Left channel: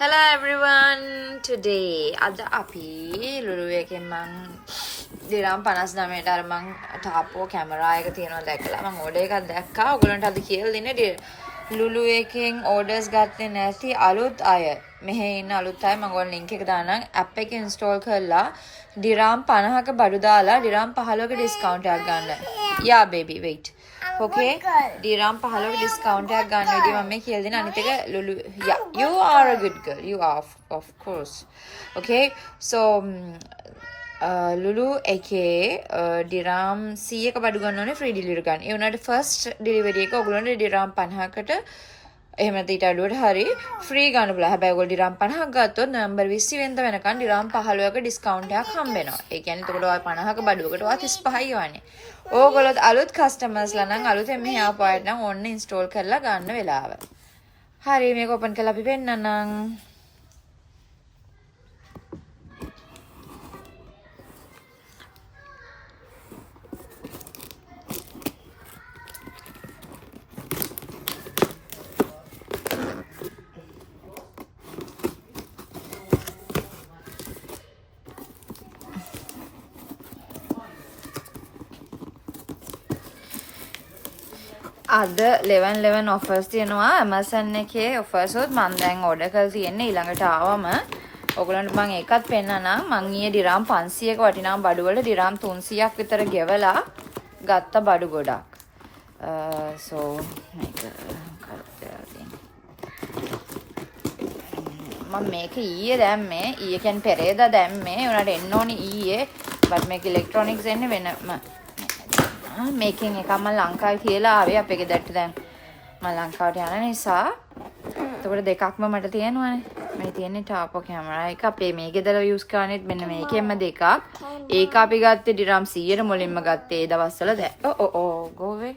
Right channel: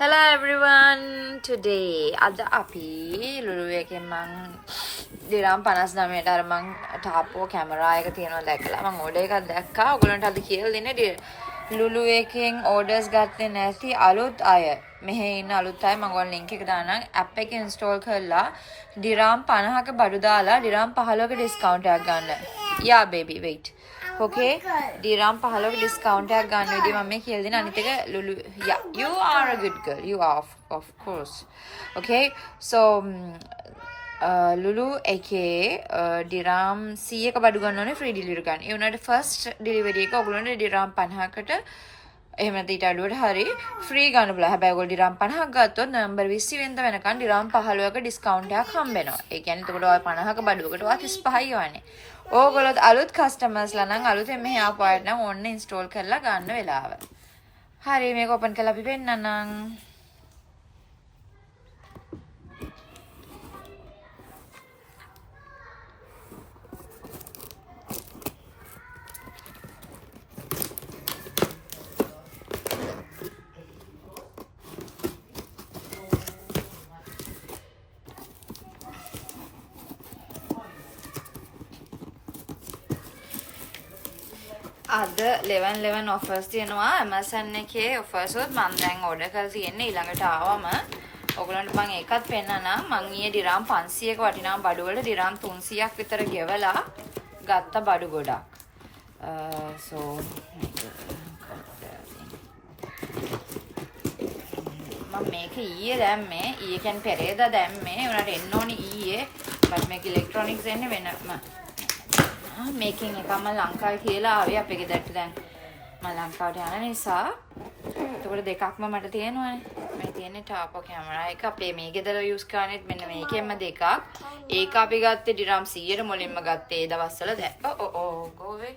Hello everyone. Today ada api lulu එකෙන් මං දිරම් 59ට අර මං ටාපෝ කැමරා එක තියෙනවා දැකලා මං ඕඩර් එකක් දැක්කා. ඔයගොල්ලන්ට අද කියලා දෙන්නේ ලුලු එකෙන් ඕඩර්ස් ගත්තේ නැති අලුත් අය. මෙහෙ ඉන්න අලුත් අය මං ඔයාලට link එක දාන්නම්. app එක install කරලා දිරම් 50ක බඩු දාලා දිරම් 15ක discount එකක් ගන්න. Yeah baby wait. Okay, දිරම් 15ක discount එකක් ගන්න විදිහ මම මේ කියලා දෙන අනිත් එක ලුලු yeah you are a good girl you are of course. Okay, so ලුලු එකේ දිරම් 100ක බඩු ගන්න ඕනේ free delivery ගන්න. ඒ උනාට first delivery එක ඔයගොල්ලන්ට දිරම් 50කට එහෙම නැත්නම් ඊට අඩුවට හරි free ගන්න පුළුවන්. හැබැයි ඔයගොල්ලෝ දිරම් 50ක් ගත්තොත් නොවැම්බර් 20 වෙනිදා වෙනකන් දිරම් 15ක discount එකක් හම්බ වෙනවා. ඒ කියන්නේ එතකොට ඔය 50ක බඩුවකට ඔය 35යි යවන්නේ. ඕගොල්ලෝ අලුත් කස්ටමර්ස්ලා නම් අලුතෙන් මෙහි ආපු අයට නම් ඕන්න ඉන්ස්ටෝල් කරලා ගන්න වෙලාව. හරි මේක ඕපන් කරලා අපි පෙන්නන්නම්. අද 11 offers තියෙනවා Amazon එකේ offers උත් මම දැන් order කරලා තියෙන්නේ ඊළඟට ආවම ඔයගොල්ලන්ට මම ඒකත් පෙන්නනවා මම ඊයේ දිරම් 500ක වටිනා බඩු වල දිරම් 300ක් විතර ගෙවලා ගත්ත බඩු ගොඩක් so මම මේක ඊයේ දැම්මේ ඊයේ කියන්නේ පෙරේදා දැම්මේ උනාට එන්න ඕනි ඊයේ but මේක ඉලෙක්ට්‍රොනික්ස් එන්නේ වෙනම මේකින් එක මම ලංකාවේ කියලා ආවේ අපේ ගෙදරට දැන් මම ලංකාවට යන නිසා එතකොට දෙකක්ම මට තියෙනවානේ මේ තියෙන්නේ ටාපෝ කැමරා එක අපේ මේ ගෙදර යූස් කරන්නේත් මෙන්න මේකෙන්ම දෙකක් ඒක අපි ගත්තේ ඩිරම් 100ට මුලින්ම ගත්තේ ඒ දවස්වල දැන් go away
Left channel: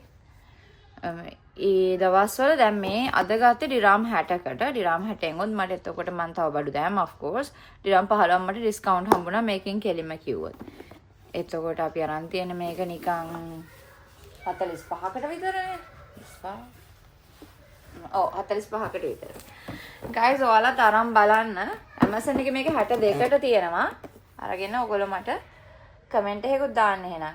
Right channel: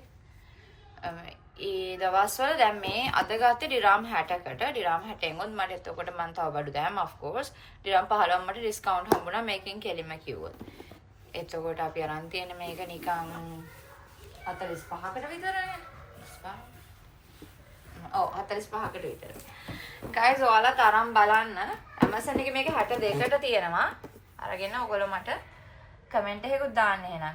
ඒ දවස්වල දැන් මේ අද ගත්තේ ඩිරම් 60කට ඩිරම් 60න් උත් මට එතකොට මම තව බඩු දැම්ම of course ඩිරම් 15ක් මට ඩිස්කවුන්ට් හම්බුණා මේකෙන් කෙලිම කිව්වොත් එතකොට අපි අරන් තියෙන මේක නිකන් 45කට විතරනේ 45කට විතර. guys ඔයාලා තරම් බලන්න Amazon එකේ මේක 62ට තියෙනවා. අරගෙන ඔයගොල්ලෝ මට කමෙන්ට් එකකුත් දාන්න එහෙනම්.